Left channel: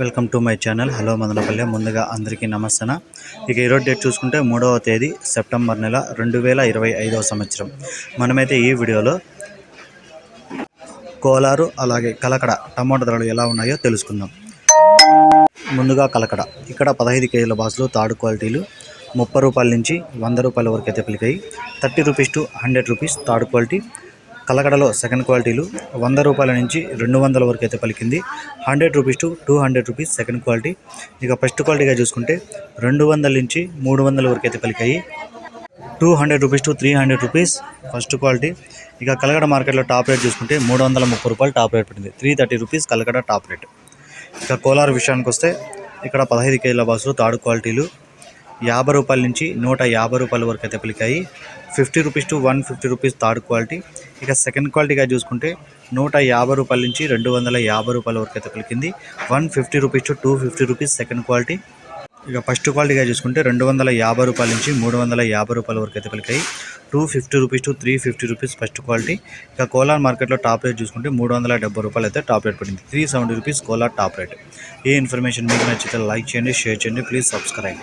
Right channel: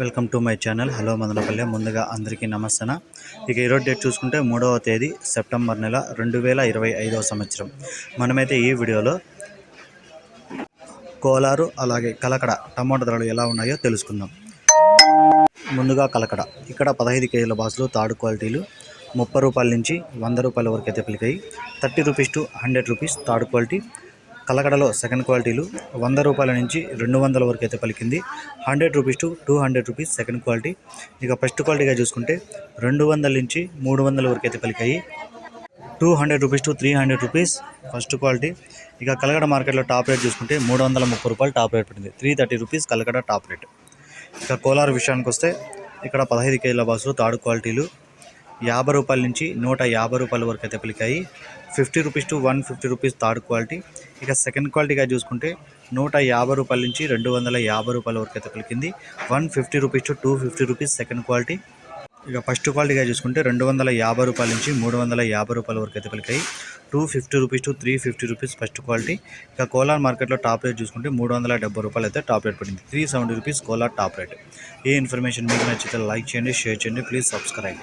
Welcome to my channel. Hello Madanapalle. ముందుగా అందరికీ నమస్తన. ఇక ఈరోజు డేట్ చూసుకుంటే మూడవ తేదీ సెప్టెంబర్ నెల రెండు వేల ఇరవై ఐదవ సంవత్సరం. మనమైతే ఈ వీడియోలో కోలారు అలాగే కలకడ టమాటా ధరలు ఎలా ఉన్నాయో తెలుసుకుందాం. ముందుగా కలకడ. ఇక్కడ పదహైదు కేజీల బాసులు తాడు క్వాలిటీలు ముప్పై రూపాయల నుంచి వంద రూపాయల వరకు అయితే పిలికాయి thirty rupees to hundred rupees third quality. కలకడలో second క్వాలిటీలు వంద రూపాయల నుంచి రెండు వందల వరకు అయితే పలికింది. Hundred rupees to two hundred rupees second quality. ఇక ఫస్ట్ క్వాలిటీగా చూసుకుంటే రెండు వందల నుంచి మూడు వందల వరకు అయితే పలికాయి. Two hundred rupees to three hundred rupees first quality. ఇక కలకడ మార్కెట్లో టాప్ రేట్ చూసుకుంటే మూడు వందల ముప్పై రూపాయలు టాప్ రేట్ పడింది. Three thirty rupees Kalakada top rate. ఇక కోలార్ విషయానికి వస్తే ఇక్కడ పదహైదు కేజీల బాసులు థర్డ్ క్వాలిటీలు. యాభై రూపాయల నుంచి నూట యాభై రూపాయల వరకు అయితే పలికాయి. Fifty rupees to one fifty rupees third quality. ఇక సెకండ్ క్వాలిటీగా చూసుకుంటే నూట యాభై రూపాయల నుంచి రెండు వందల యాభై రూపాయల వరకు అయితే పలికింది one fifty rupees to two fifty rupees second quality. ఇక ఫస్ట్ క్వాలిటీగా చూసుకుంటే రెండు వందల యాభై రూపాయల నుంచి మూడు వందల యాభై రూపాయల వరకు అయితే పలికాయి two fifty rupees to three fifty rupees first quality. ఇక కోలార్ మార్కెట్లో టాప్ రేట్ చూసుకుంటే మూడు వందల డెబ్బై రూపాయలు అయితే టాప్ రేట్ పడింది. Three seventy rupees Kolar top rate. ఈ ఇన్ఫర్మేషన్ మీకు నచ్చితే లైక్ చేయండి షేర్ చేయండి ప్లీజ్ సబ్స్క్రైబ్.